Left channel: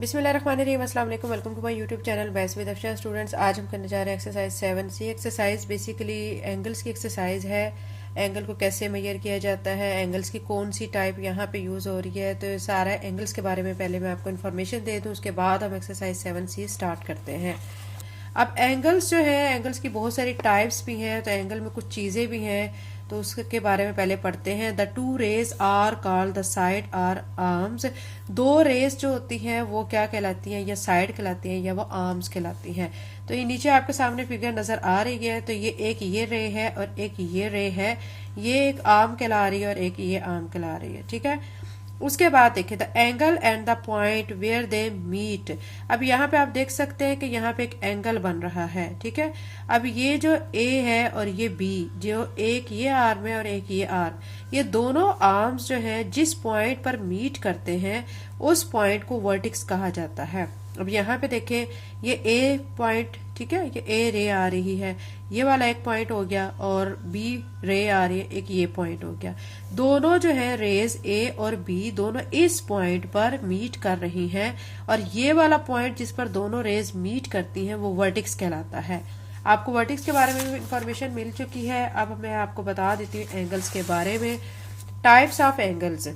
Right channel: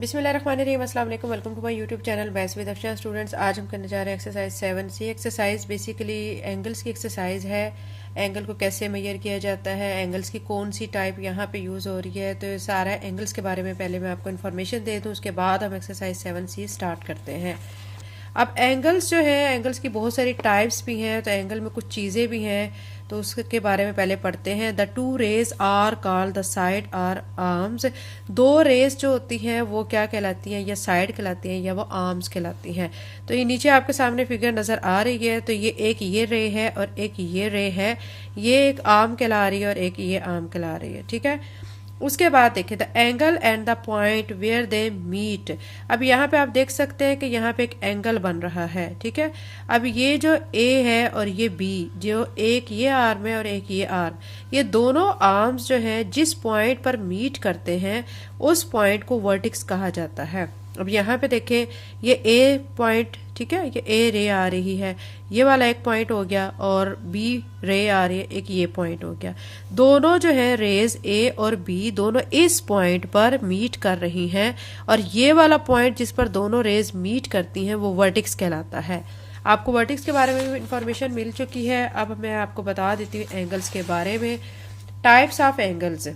बिस्मिल्लाहिर्रहमानिर्रहीम, अस्सलाम वालेकुम। Welcome to my YouTube channel base with Afsha. Students, आज हम करने जा रहे हैं exercise 7C। Exercise basically angles की एक्सरसाइज है। एंगल को कैसे मेजर किया जाता है, एंगल्स की कौन सी टाइप यहाँ पे यूज़ हो रही है, तो सारा एंगल्स के बारे में पहले मैं आपको इन्फॉर्मेशन दे दूँ, उसके बाद हम एक्सरसाइज 7C स्टार्ट करते हैं। अब एंगल्स जो है, एंगल्स की बहुत सारी टाइप्स भी हैं, तो एंगल में कुछ चीज़ें भी हैं, तो उसके बारे में पहले पढ़ते हैं। The two rays are called the side or arms. दो रेज जो होती हैं वो क्या कहलाती हैं, या साइड कहलाती हैं या वो आर्म्स कहलाती हैं। तो ये नीचे आपके सामने फिगर नजर आ रही है, तो ये एक ये रे है और एक ये रे है। ये एक आर्म कहला रही है और एक ये आर्म कहला रही है, ठीक है। उसके बाद देखिए the angle and the point where they meet. अब यहाँ पे आप देख सकते हैं कि यहाँ पे एक एंगल बन रहा है, ठीक है। अब ये जो ए है और ये बी, जो एक ये आर्म है और एक ये आर्म, ये दोनों आर्म्स जो है जिस पॉइंट पर मीट करते हैं उस पॉइंट को वर्टिक्स कहा जाता है। अब यहाँ पे देखें, ये ए पॉइंट, ठीक है, ये ए रे आ रही है, ये वाला एक पॉइंट हो गया, और बी रे आ रही है, एक ये पॉइंट हो गया। दोनों जो है रेज ए और बी दोनों इस पॉइंट पर मीट कर रही हैं, और ये वाला पॉइंट जिस पर दोनों रेज मीट करती हैं वो वर्टिक्स कहलाता है। आपको वर्टिक्स के बारे में इंफॉर्मेशन मिल चुकी है। अब मैं आपको बता देती हूँ एंगल्स के बारे में। Types of angles.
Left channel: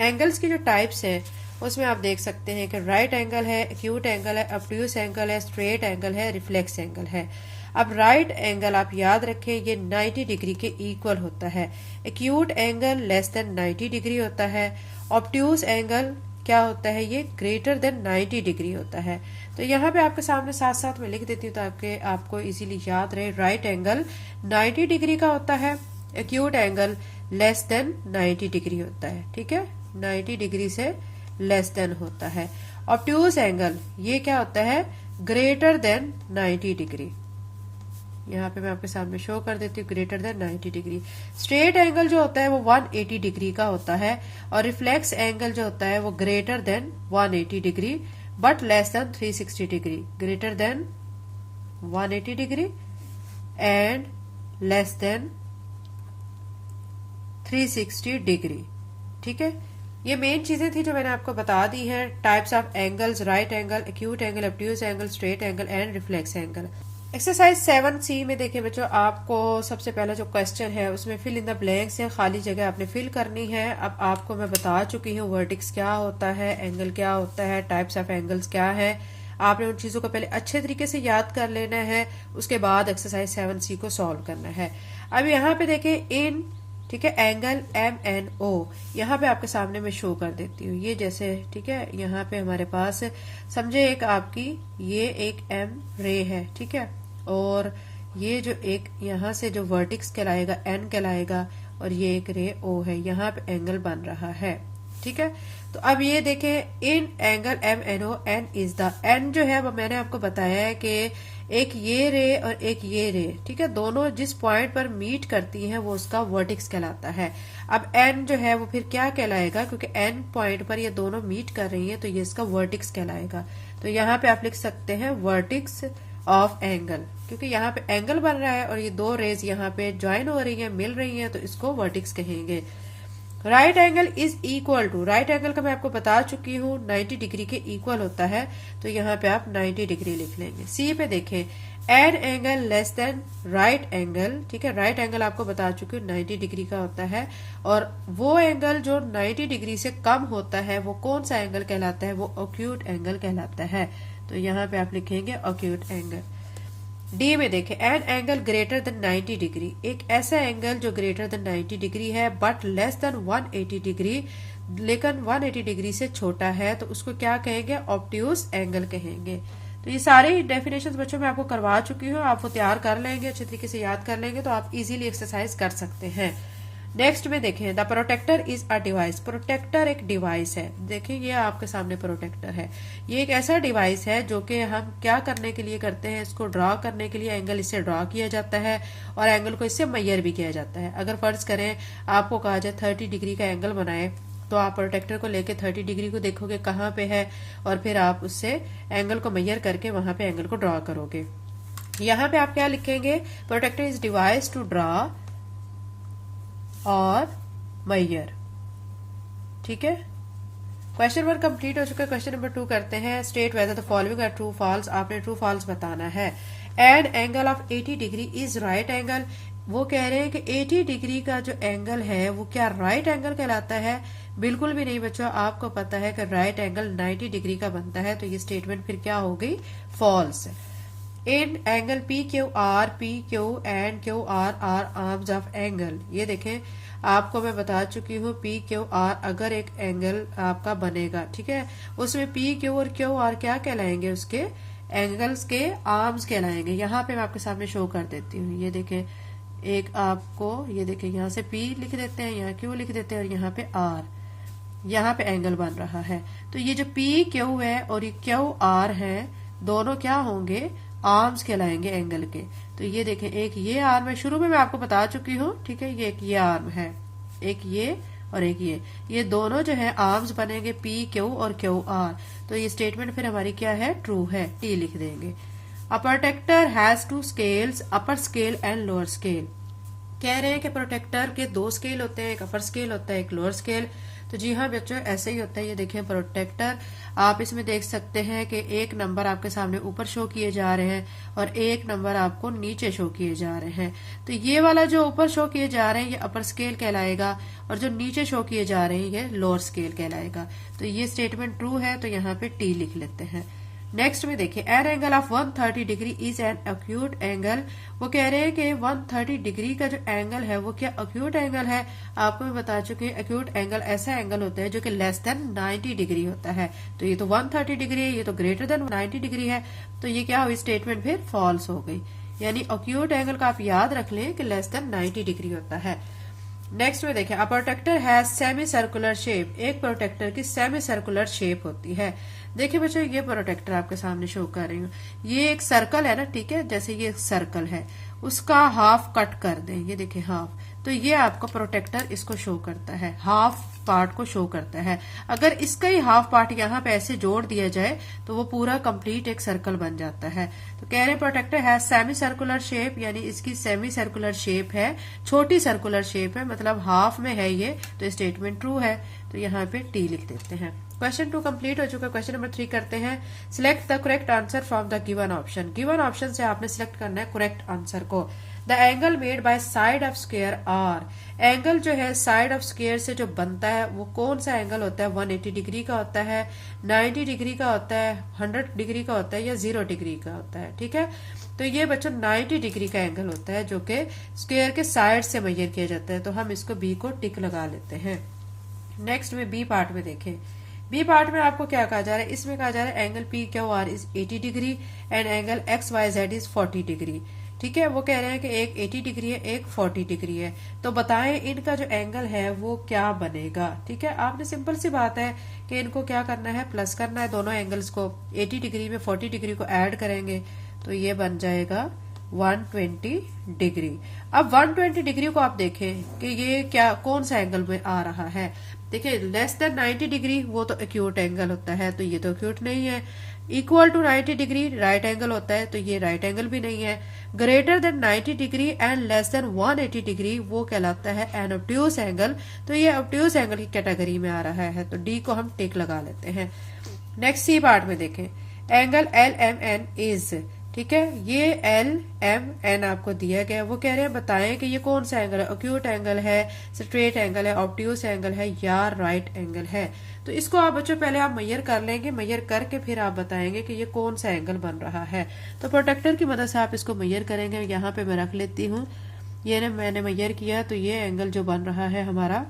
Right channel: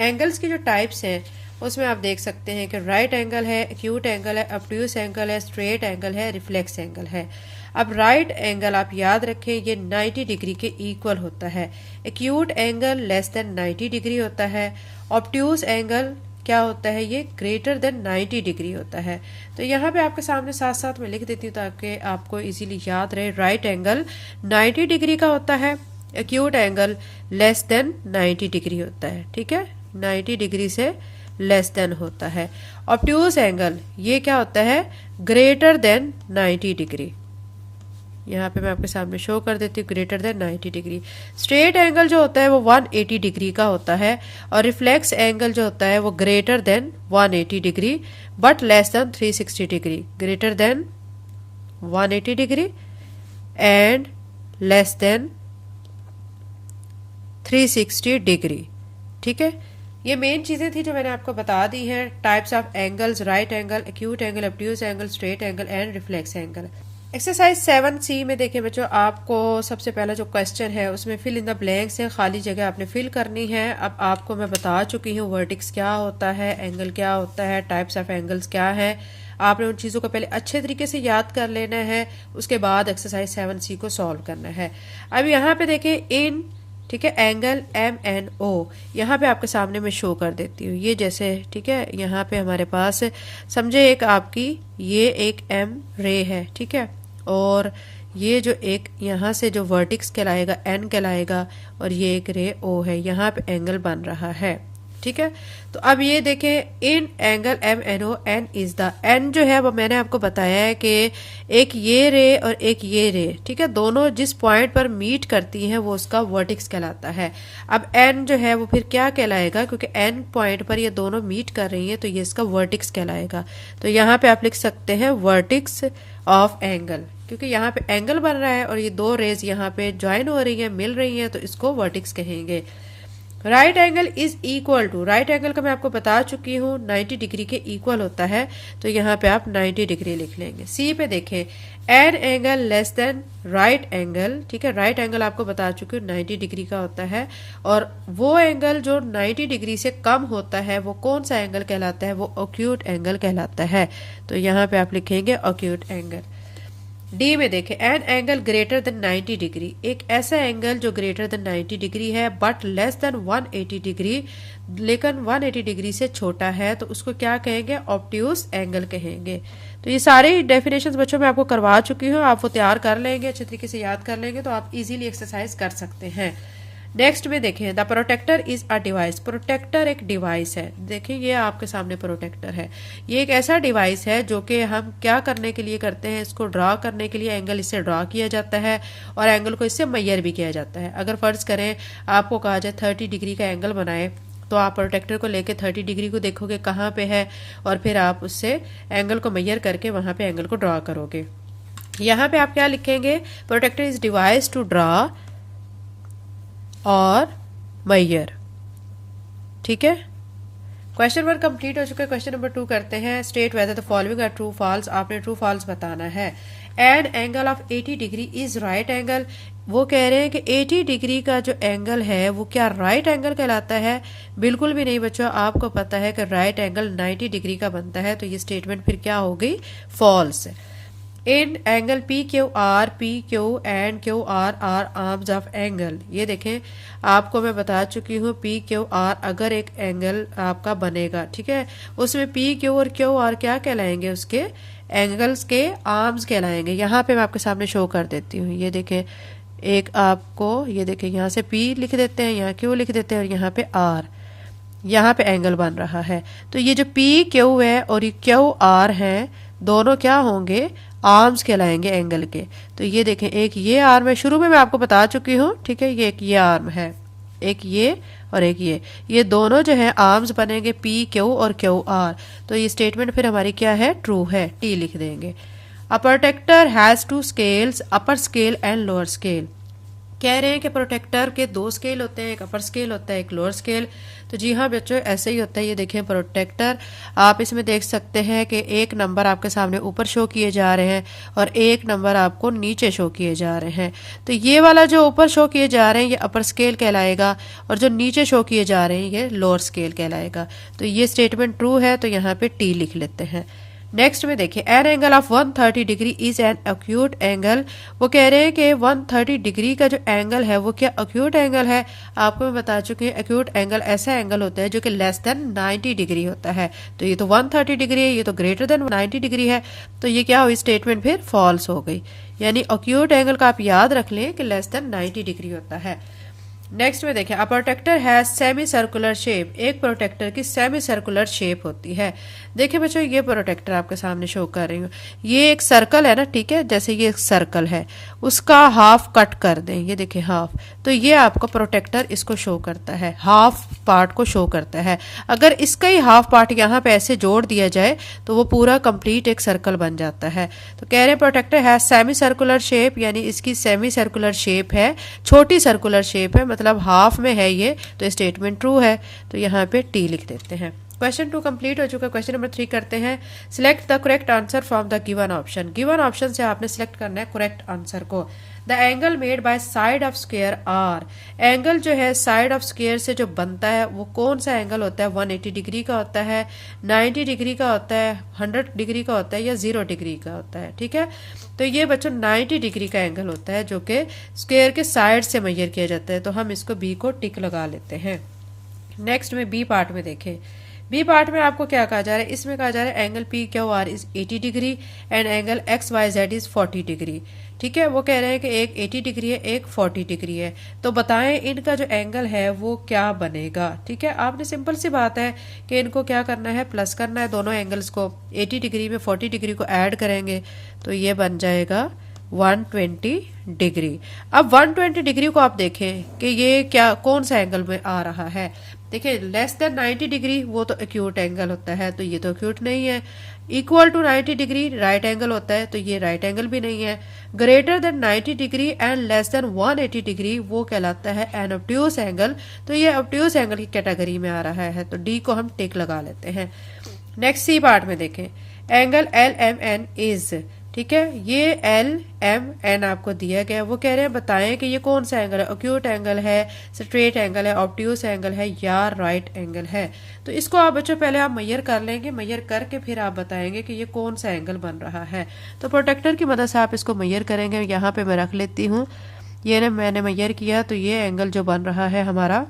एंगल्स की जो टाइप्स हैं उसमें आप देख सकते हैं कि राइट एंगल है, एक्यूट एंगल है, ऑब्ट्यूस एंगल है, स्ट्रेट एंगल है, रिफ्लेक्स एंगल है। अब राइट एंगल आप याद रखें, ये 90 डिग्री के इक्वल होता है। Acute angle less than 90 degree होता है। ऑब्ट्यूस एंगल क्या होता है, ये ग्रेटर देन 90 डिग्री होता है। तो यहाँ पे आपके सामने साथ साथ मैं लिख देती हूँ ताकि आपको इजीली याद रहे। राइट एंगल 90 डिग्री का होता है, acute angle less than 90 degree होता है, ठीक है, 90 डिग्री से लेस देन होता है। ऑब्ट्यूस एंगल ये क्या होता है, ग्रेटर देन 90 डिग्री। यहाँ पे मैं आपके सामने शो कर देती हूँ, greater than 90 degree. Straight angle जो होता है वो 180 डिग्री का होता है, और रिफ्लेक्स एंगल जो होता है वो greater than 180 degree but less than 360 degree. Greater than 180 degree and less then 360 degree, ठीक है। ये मेन चीजें थी जो मैंने आपको बता दी हैं। Types of angles, right angle, acute angle, obtuse angle, straight angle and reflex angle. Exercise 7C में देखिए बच्चों, आपको सबसे पहला जो क्वेश्चन है उसमें फिल इन द ब्लैंक्स है, खाली जगह आपने फिल करनी है। अब आपको मैं बता चुकी हूँ वर्टिक्स क्या होता है, एंगल क्या होता है, टाइप्स ऑफ एंगल्स क्या है। आपने उन चीज़ों को पहले अच्छे तरीके से याद कर लेना है, उसके बाद एक्सरसाइज 7C को सॉल्व करना है। अब यहाँ पे देखिए इन, ठीक है, एंगल MNO यहाँ पे आपके सामने मैं शो कर देती हूँ। ये जैसे, ठीक है, यहाँ पे हमारे पास समझे एक आपकी ये एक M रे है, ठीक है, और ये जो एक यहाँ से जो वर्टिक्स कहलाएगा N कहलाएगा, और ये एक रे O है, यहाँ पे एंगल बन रहा है, ठीक है। तो अब ये देखें in angle MNO, N is the, N जो है वो मैंने आपको बताया है कि एक ये रे और एक ये रे, ठीक है, दोनों जिस पॉइंट पर मीट करती हैं वो उसका वर्टिक्स कहलाता है। अब N जो है वो फिर क्या कहलाएगा, क्योंकि N पॉइंट पर ये दोनों मीट कर रही हैं तो ये इसका वर्टिक्स कहलाएगा। तो यहाँ पे आप लिख सकते हैं वर्टिक्स ऑफ एंगल, क्योंकि यहाँ पे एंगल बन रहा है और ये दो रेज यहाँ पे ज्वाइन हो रही है, मिल रही हैं, तो इसको वर्टिक्स कहेंगे। Right angle is equal to, right angle का मैं आपको बता चुकी हूँ 90 डिग्री के इक्वल होता है, तो यहाँ पे आप 90 डिग्री लिख लेंगे। सी पे देखें an angle less than right angle, ठीक है, राइट एंगल आपको बता चुकी हूँ 90 डिग्री का होता है, और वो एंगल जो 90 डिग्री से कम होता है वो कौन सा एंगल कहलाता है, वो एक्यूट एंगल कहलाता है। तो यहाँ पे आप लिखेंगे एक्यूट एंगल। डी में देखें an angle greater than 90 degree, एक ऐसा एंगल जो ग्रेटर देन 90 डिग्री है बट लेस देन 180 डिग्री, लेकिन 180 डिग्री से छोटा है, तो उसको क्या कहेंगे, ऑब्ट्यूस एंगल कहेंगे। तो ये सारे डेफिनेशंस बच्चों मैं आपको करवा चुकी हूँ, आप वो तैयार कर लेंगे, अच्छे तरीके से याद कर लेंगे तो आप इजीली एक्सरसाइज कर सकते हैं। नेक्स्ट में देखें the protractor is a device. Protractor एक डिवाइस है, देखिए ये आपके सामने प्रोटेक्टर है। ये एक ऐसा डिवाइस है जो कि हम क्या करने के लिए करते हैं, इसको ड्रा करने के लिए एंगल इससे ड्रा किया जाता है और एंगल को इससे मेजर भी किया जाता है। अगर फर्ज करें आपको कहा जाए 30 डिग्री का एंगल बनाए, तो आप प्रोटेक्टर को लेके 30 डिग्री को देखोगे कहाँ पे है, और फिर आप उससे एंगल को मेजर करके वहां पे एंगल को ड्रा करोगे। यहाँ पे आप क्या लिखेंगे, protractor is device to draw और मेजर, ठीक है। क्वेश्चन 1 कंप्लीट हो चुका है। क्वेश्चन नंबर 2 करते हैं। State whether the following are true false. आपने ट्रू फॉल्स बताना है। An angle of 80 degree is right angle. वो कह रहे हैं कि 80 डिग्री का जो एंगल है वो क्या राइट एंगल कहलाता है? बिल्कुल भी नहीं बच्चों, आपको पता है कि राइट एंगल 90 डिग्री का बनता है, तो ये स्टेटमेंट फिर क्या हो गई? False. In angle P Q and Q R arms of angle. ये देखें, आपको मैं बता चुकी हूँ पी क्यू आर अगर एक एंगल आपका बनेगा, ठीक है, उसमें पी क्यू और क्यू आर क्या कहलाएंगे? उसके एंगल्स के आर्म्स कहलाएंगे। यहाँ पे मैं आपके सामने शो कर देती हूँ। ये देखें, एक आपको ये देखें, यहाँ से पी लिख देते हैं, यहाँ क्यू लिख देते हैं और यहाँ पे आर, यहाँ पे एंगल बन रहा है। तो ये जो पी क्यू है और ये क्यू आर है, दोनों क्या होंगे? आर्म्स कहलाएंगे एंगल के। तो ये देखें, एक ये आर्म है, शुरू में मैं आपको बता चुकी हूँ, ठीक है, ये एक ये आर्म है, एक ये और एक ये दोनों जो है आर्म्स बनेंगे पी क्यू और क्यू आर। तो ये स्टेटमेंट फिर हमारी क्या है? ट्रू है, टी लिख देंगे। A protractor has 2 scales, upper scale and lower scale. कह रहे हैं कि प्रोटेक्टर के 2 स्केल होते हैं, एक अपर स्केल होता है, एक लोअर स्केल। तो जी हाँ बच्चों, ऐसे ही होता है। ये देखें प्रोटेक्टर, आप इसमें देख सकते हैं कि एक नंबर आपके सामने ऊपर शो किए जा रहे हैं और एक नंबर आपको नीचे शो किए जा रहे हैं। तो ये वाला जो ऊपर शो किए जा रहे हैं ये अपर स्केल कहलाएगा और जो नीचे शो किए जा रहे हैं ये लोअर स्केल कहलाएगा। तो ये स्टेटमेंट ट्रू है, तो यहाँ पे टी लिख लेते हैं। नेक्स्ट में देखिए, N angle of 130 degree is an acute angle. वो कह रहे हैं कि 130 डिग्री का जो एंगल है वो क्या एक्यूट एंगल है? आपको मैं बता चुकी हूँ, एक्यूट एंगल ऐसा एंगल होता है जो कि लेस देन 90 डिग्री होता है। तो ये तो 130 डिग्री है, ये तो ग्रेटर देन 90 डिग्री है। तो ये क्या हुई? स्टेटमेंट फिर फॉल्स हो गई। यानी एक्यूट एंगल का आप याद रख लें कि लेस देन 90 डिग्री होता है। नेक्स्ट में देखें, a protractor has semicircular shape. एक प्रोटेक्टर की सेमी सर्कुलर शेप होती है। देखिए बच्चों, ये प्रोटेक्टर आपके सामने शो कर रही हूँ, ये एक सर्कल है ना, ठीक है, जैसे ये एक सर्कल है, उसका हाफ कट कर दें, ये देखिए हाफ, तो ये आपका प्रोटेक्टर इसको शो करता है, हाफ पार्ट को शो करता है। अगर इसका ही हाफ पार्ट यहाँ पे ऐसे जोड़ दिया जाए तो वो पूरा कंप्लीट एक सर्कल बन जाता है। तो कह रहे प्रोटेक्टर है सेमी सर्कुलर शेप, यानी इसकी सेमी सर्कुलर शेप है, छोटी सर्कुलर शेप है, मतलब हाफ में है ये, तो स्टेटमेंट ट्रू है। तो यहाँ पे टी लिख देते हैं। क्वेश्चन 2 कंप्लीट हो चुका है। क्वेश्चन नंबर 3 करते हैं। Select the correct answer from the given option. Given option से आपने सिलेक्ट करना है करेक्ट आंसर को। The angle made by side of square are. Angle जो है साइड ऑफ स्क्वायर से जो बनता है वो कौन सा एंगल होता है? 180 डिग्री का होता है, 90 डिग्री का होता है, 100 डिग्री का होता है या 0 डिग्री का होता है, ठीक है। तो ये बच्चों 90 डिग्री का एंगल होता है जो कि स्क्वायर के साइड से मेजर किया जाता है। तो हम इसको बी को टिक लगा लेते हैं। नेक्स्ट में बी पार्ट में देखें। बी पार्ट में आपको क्या कहा जा रहा है? इसमें कहा जा रहा है angle P Q R is 80 degree and angle X Y Z is 40 degree, ठीक है। वो कह रहे हैं कि एक 80 डिग्री है, एक 40 डिग्री है। तो बताएं इनका जो एंगल है वो क्या बनेगा, ठीक है। आपने सिंपल सी बात है कि इनको क्या करना है? प्लस करना है दोनों एंगल्स को। 80 डिग्री में 40 डिग्री को ऐड करेंगे तो ये बन जाएगा 120 डिग्री। अब 120 डिग्री को आप देखें कि ये क्या कौन सा एंगल में आ रहा है। देखिए लेस देन 90 डिग्री वो तो एक्यूट एंगल होता है, तो ये तो एक्यूट नहीं है। Equal to 90 degree right angle होता है, तो ये राइट एंगल भी नहीं है। Greater than 90 degree and less than 180 degree वो कहलाता है एन ऑब्ट्यूस एंगल, तो ये ऑब्ट्यूस एंगल की कैटेगरी में आ रहा है। तो डी को हम टिक लगा लेते हैं। नेक्स्ट सी पार्ट में देखें, angle L M N is, ठीक है, ये एल एम एन आपको दिया गया। वो कह रहे हैं बताएं कि ये कौन सा एंगल है? एक्यूट एंगल है, स्ट्रेट एंगल है, ऑब्ट्यूस एंगल है या राइट एंगल है। तो इसको आप बच्चों पहले आप मेजर कर लेंगे, मेजर करके फिर आप बताएंगे कि ये कौन सा एंगल बन रहा है। तो प्रोटेक्टर की मदद से आप इसको मेजर करेंगे। यहाँ पे मैं रख लेती हूँ, ये ना मैंने मेजर किया, तो ये एंगल जो बन रहा है हमारा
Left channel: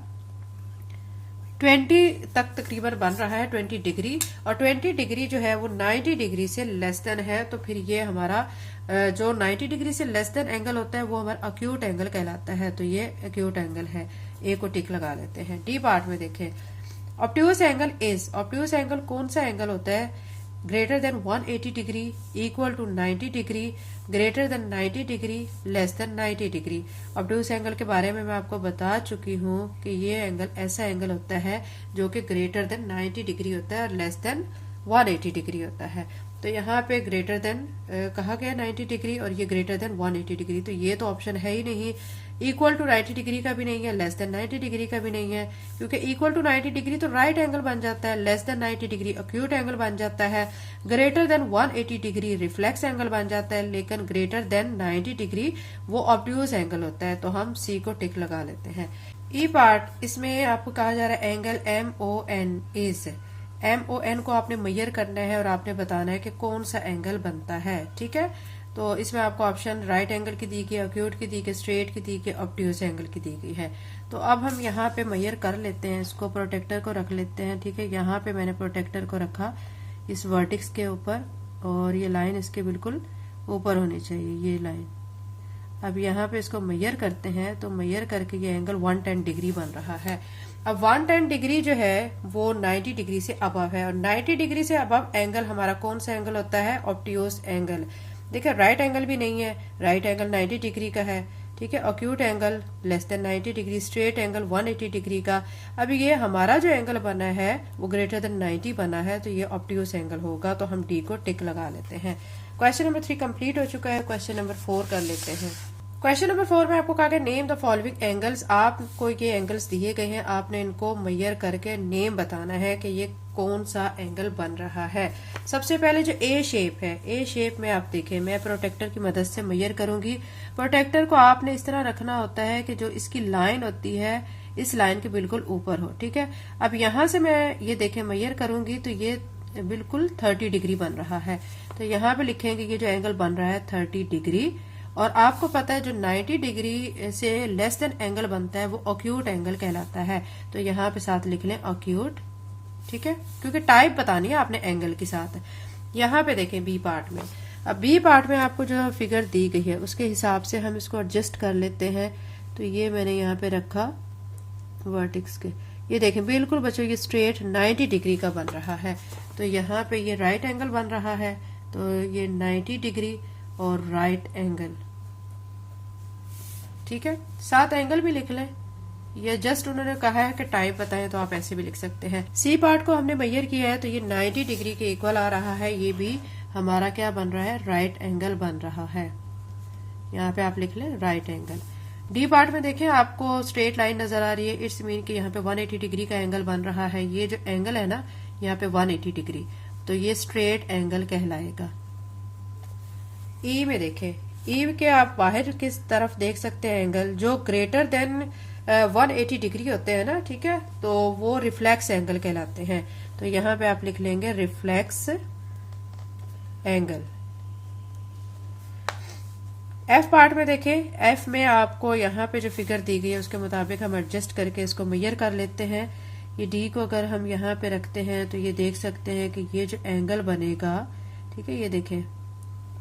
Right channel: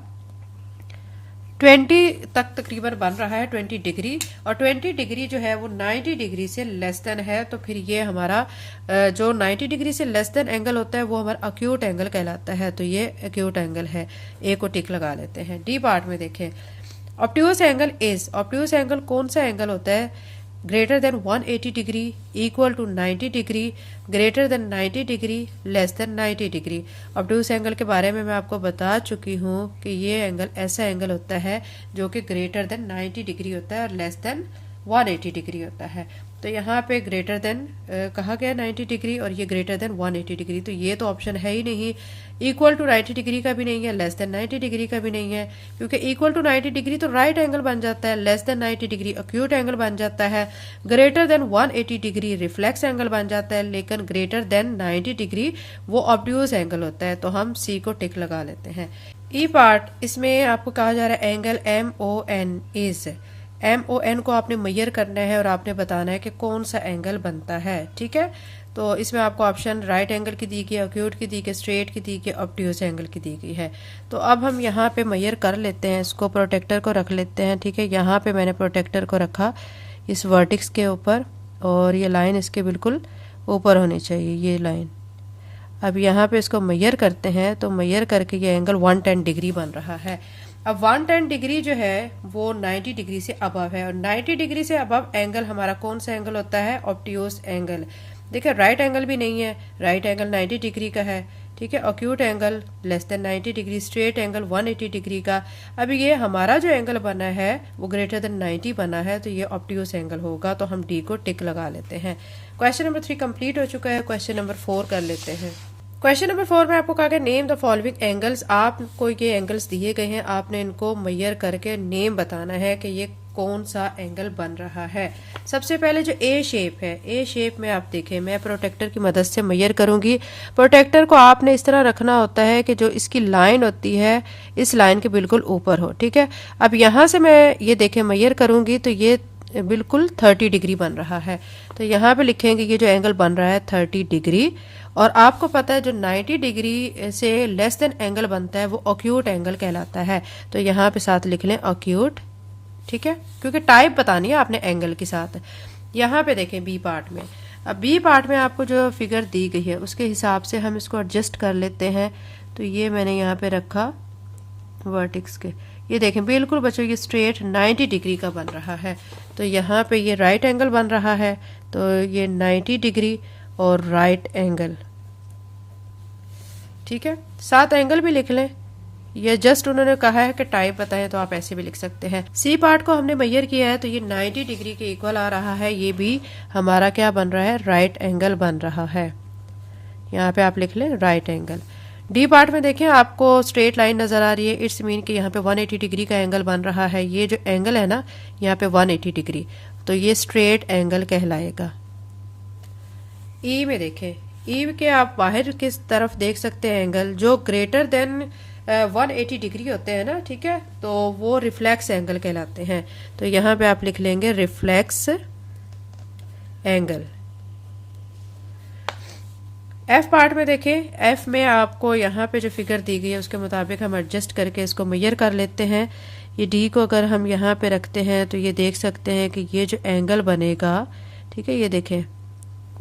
20 तक तकरीबन बन रहा है, 20 डिग्री। और 20 डिग्री जो है वो 90 डिग्री से लेस देन है, तो फिर ये हमारा जो 90 डिग्री से लेस देन एंगल होता है वो हमारा एक्यूट एंगल कहलाता है। तो ये एक्यूट एंगल है, ए को टिक लगा लेते हैं। डी पार्ट में देखें, obtuse angle is, obtuse angle कौन सा एंगल होता है? Greater than 180 degree, equal to 90 degree, greater than 90 degree, less than 90 degree. Obtuse angle के बारे में मैं आपको बता चुकी हूँ कि ये एंगल ऐसा एंगल होता है जो कि ग्रेटर देन 90 डिग्री होता है और लेस देन 180 डिग्री होता है। तो यहाँ पे ग्रेटर देन कहा गया 90 डिग्री और ये ग्रेटर देन 180 डिग्री, तो ये तो ऑप्शन है ही नहीं। इक्वल टू 90 डिग्री का भी नहीं है, लेस देन 90 डिग्री का भी नहीं है, क्योंकि इक्वल टू 90 डिग्री तो राइट एंगल बन जाता है, less than 90 degree acute angle बन जाता है, greater than 180 degree reflex angle बन जाता है, लेकिन ग्रेटर देन 90 डिग्री वो ऑब्ट्यूज एंगल होता है। तो हम सी को टिक लगा लेते हैं। ई पार्ट, इसमें आपको कहा जा रहा है एंगल MON इज, MON को आपने मेजर करना है और आपने बताना है कि कौन सा एंगल बनता है। ठीक है, तो इसमें आपको ऑप्शन राइट एंगल की दी गई, एक्यूट की दी गई, स्ट्रेट की दी गई, ऑब्ट्यूज एंगल की दी गई है। तो अब हम यहाँ पे मेजर कर लेते हैं, इसको प्रोटेक्टर को रख लेते हैं। ठीक है, यहाँ पे मैंने प्रोटेक्टर को रखा इस वर्टिक्स के ऊपर और ये लाइन इसके बिल्कुल ऊपर होनी चाहिए, ये लाइन। अब यहाँ पे इसको मेजर करते हैं, तो मेजर करके ये एंगल 110 डिग्री बन रहा है। अब 110 डिग्री जो है वो 90 डिग्री से अबव है और 90 डिग्री से अबव एंगल हमारा कौन सा एंगल होता है? Obtuse angle. देखिए राइट एंगल भी नहीं है, राइट एंगल 90 डिग्री का है। ठीक है, acute angle less than 90 degree, straight angle 180 degree का। अब ये हमारा जो एंगल बना है वो ग्रेटर देन 90 बना है, तो ये ऑब्ट्यूज एंगल होगा। तो हम डी को टिक लगा लेते हैं। क्वेश्चन नंबर 3 कंप्लीट हो चुका है। क्वेश्चन नंबर 4 कर लेते हैं। क्वेश्चन नंबर 4 में आपको कहा गया नेम द फॉलोइंग एंगल्स। आपको ये एंगल्स दिए गए हैं, आपने इनको मेजर करके नेम बताना है कि ये कौन सा एंगल बन रहा है। सबसे पहले जो ए शेप है, ए शेप में आप देखें, मैं प्रोटेक्टर की मदद से मेजर करूंगी। प्रोटेक्टर को आपने इस तरह रखना होता है कि जो इसकी लाइन होती है इस लाइन के बिल्कुल ऊपर हो। ठीक है, अब यहाँ से मैं ये देखें मेजर करूंगी तो ये बिल्कुल 30 डिग्री बन रहा है। तो यहाँ पे लिखेंगे ये जो एंगल बन रहा है 30 डिग्री। और आपको पता है जो 90 डिग्री से लेस देन एंगल बनता है वो एक्यूट एंगल कहलाता है। तो यहाँ पे साथ लिख लें एक्यूट। ठीक है, क्योंकि टाइप बतानी है आपने एंगल के साथ। यहाँ पे देखें बी पार्ट में, अब बी पार्ट में आपको जो फिगर दी गई है उसके हिसाब से हम इसको एडजस्ट कर लेते हैं। तो ये मैंने यहाँ पे रखा वर्टिक्स के, ये देखें बिल्कुल बच्चों ये स्ट्रेट 90 डिग्री का बन रहा है। तो यहाँ पे ये राइट एंगल बन रहा है, तो ये 90 डिग्री और राइट एंगल। ठीक है, साथ एंगल भी लिख लें, ये जस्ट उन्होंने कहा है कि टाइप बताएं तो आप ऐसे भी लिख सकते हैं। सी पार्ट को हमने मेजर किया है तो ये 90 डिग्री के इक्वल आ रहा है, ये भी हमारा क्या बन रहा है? राइट एंगल बन रहा है। यहाँ पे आप लिख लें राइट एंगल। डी पार्ट में देखें आपको स्ट्रेट लाइन नजर आ रही है, इट्स मीन कि यहाँ पे 180 डिग्री का एंगल बन रहा है। ये जो एंगल है ना यहाँ पे 180 डिग्री, तो ये स्ट्रेट एंगल कहलाएगा। ई में देखें, ई के आप बाहर किस तरफ देख सकते हैं एंगल जो ग्रेटर देन 180 डिग्री होते हैं ना। ठीक है, तो वो रिफ्लेक्स एंगल कहलाते हैं। तो यहाँ पे आप लिख लेंगे रिफ्लेक्स एंगल। एफ पार्ट में देखें, एफ में आपको यहाँ पे जो फिगर दी गई है उसके मुताबिक हम एडजस्ट करके इसको मेजर कर लेते हैं। ये डी को अगर हम यहाँ पे रखते हैं तो ये देख सकते हैं कि ये जो एंगल बनेगा, ठीक है, ये देखें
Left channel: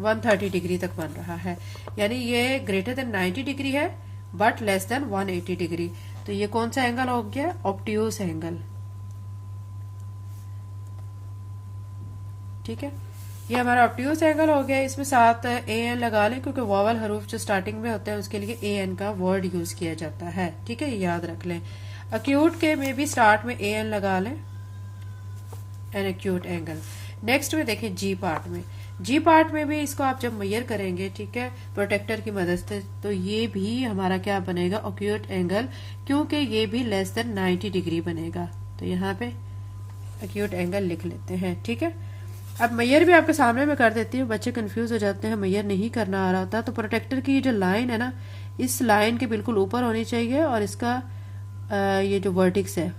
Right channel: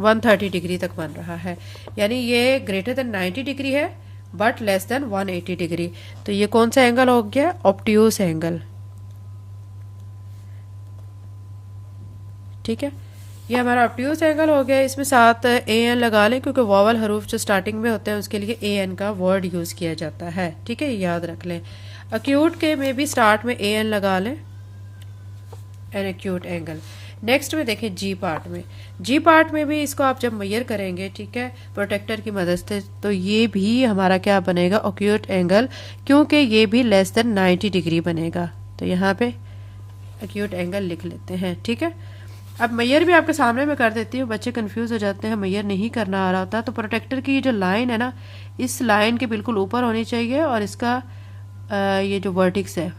130 डिग्री तक बन रहा है, यानी ये ग्रेटर देन 90 डिग्री है बट लेस देन 180 डिग्री। तो ये कौन सा एंगल हो गया? Obtuse angle. ठीक है, ये हमारा ऑब्ट्यूज एंगल हो गया। इसमें साथ AN लगा लें क्योंकि वॉवल हरूफ जो स्टार्टिंग में होते हैं उसके लिए AN का वर्ड यूज किया जाता है। ठीक है, याद रख लें। एक्यूट के में भी स्टार्ट में AN लगा लें, एन एक्यूट एंगल। नेक्स्ट में देखें जी पार्ट में, जी पार्ट में भी इसको आप जब मेजर करेंगे, ठीक है, प्रोटेक्टर की मदद से, तो ये भी हमारा क्या बनेगा? एक्यूट एंगल, क्योंकि ये भी लेस देन 90 डिग्री बनेगा। तो यहाँ पे एक्यूट एंगल लिख लेते हैं। ठीक है, अब मेजर भी आपके सामने में कर देती हूँ, बच्चे कंफ्यूज हो जाते हैं, मेजर नहीं करना आ रहा होता। तो प्रोटेक्टर की जो लाइन है ना, इस लाइन के बिल्कुल ऊपर होनी चाहिए और इसका ये जो वर्टिक्स है,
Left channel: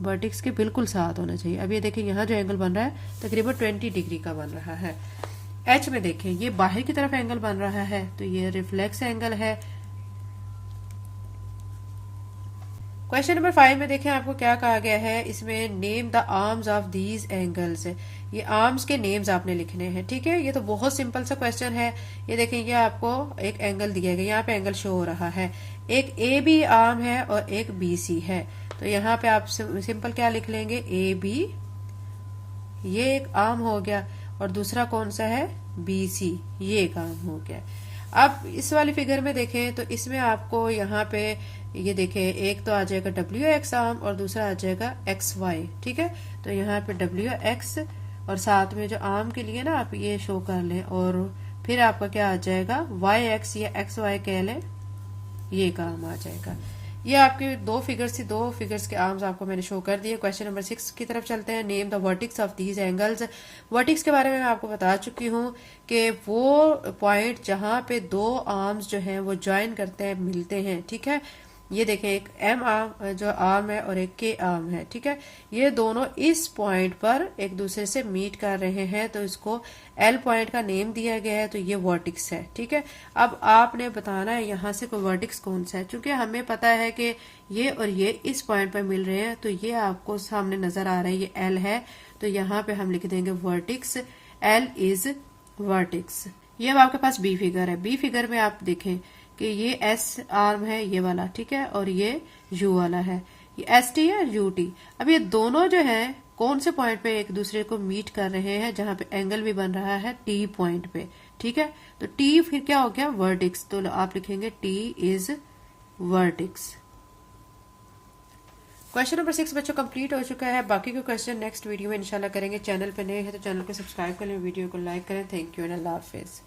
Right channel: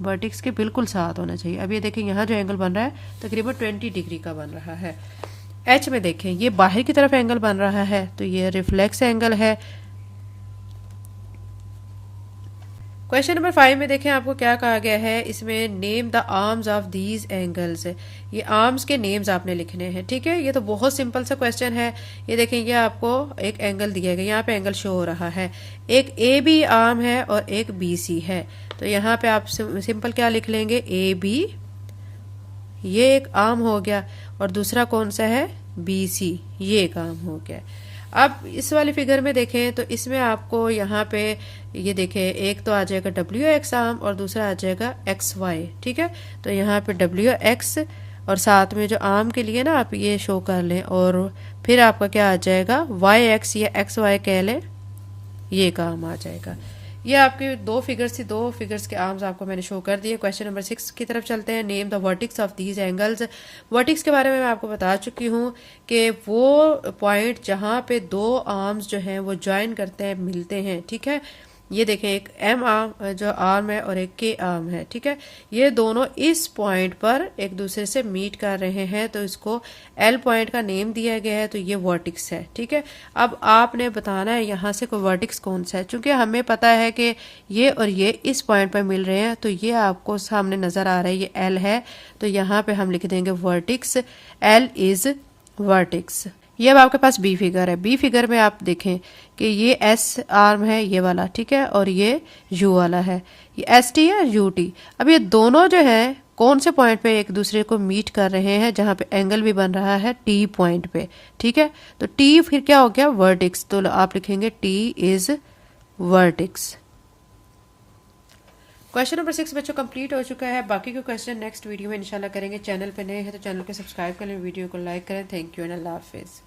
वर्टिक्स के बिल्कुल साथ होना चाहिए। अब ये देखें यहाँ जो एंगल बन रहा है तकरीबन 20 डिग्री का बन रहा है। एच में देखें ये बाहर की तरफ एंगल बन रहा है, तो ये रिफ्लेक्स एंगल है। क्वेश्चन नंबर 5 में देखें आपको क्या कहा गया है, इसमें name the arms of these angles. ये आर्म्स के नेम्स आपने लिखने हैं। ठीक है, ये तो बहुत सिंपल सा क्वेश्चन है। ये देखें, ये आपको एक एंगल दिया गया, यहाँ पे एंगल शो हो रहा है, एक AB आर्म है और एक BC है। तो यहाँ पे आप सिंपल क्या लिख लेंगे? AB, ये एक आर्म हो गया, और दूसरा कौन सा है? BC, ये एक आर्म हो गया। अब इस वाली फिगर में देखें तो इसमें आपको यहाँ पे ये देखें, एक तो आ जाएगा WX आर्म और दूसरा आ जाएगा XY। ठीक है, तो यहाँ पे WX और साथ में जो आर्म के लिए ना आप ये शो कर लें, और फिर आपका क्या आ जाएगा, वाई एक्स या एक्स वाई कह लें, ये काम आ जाएगा। ये आपके दो फिगर्स थी, दो फिगर्स के आर्म्स आपको मैंने शो कर दिए। क्वेश्चन नंबर 6 की तरफ चलते हैं। Name the vertices of these angles. Vertices के बारे में मैं आपको बता चुकी हूँ कि वो पॉइंट जहां पे दो आर्म्स जो हैं वो ज्वाइन करते हैं, मिलते हैं, ठीक है। ये देखें, एक एम आर्म जो आर्म है और एक के आर्म है, ठीक है। ये दोनों इस पॉइंट पर एक दूसरे से मीट कर रहे हैं, तो इसको एल पॉइंट का नेम दिया गया है, तो ये वर्टिक्स है, ठीक है। अब आपने बताना है यहाँ से कोई वर्टिक्स कौन सा है। चूंकि हमें पता है कि ये और ये इस पॉइंट पर मिल रहे हैं, तो ये आपको सामने नजर आ रहा है, ये एल है, तो यहाँ पे हम लिख देंगे वर्टिक्स, एल इज वर्टिक्स। ये अब आपके पास बी फिगर है। बी फिगर में आप देखें कि ये एस आर्म है, ये वाला, ठीक है, और ये यू वाला है, ये एस टी है, यू टी। अब ये दोनों जो है कौन से पॉइंट पे एक दूसरे को मीट कर रहे हैं, जहां पे एंगल भी बन रहा है टी पॉइंट पे, ठीक है। तो टी फिर क्या हो गया, वर्टिक्स, तो आप लिखेंगे T is vertices. Question number 6 बच्चों कंप्लीट हो चुका है। बाकी के क्वेश्चन नेक्स्ट वीडियो में इंशाल्लाह करेंगे। चैनल पे नए हैं तो चैनल को सब्सक्राइब करें, वीडियो को लाइक करें। Thank you and Allah Hafiz.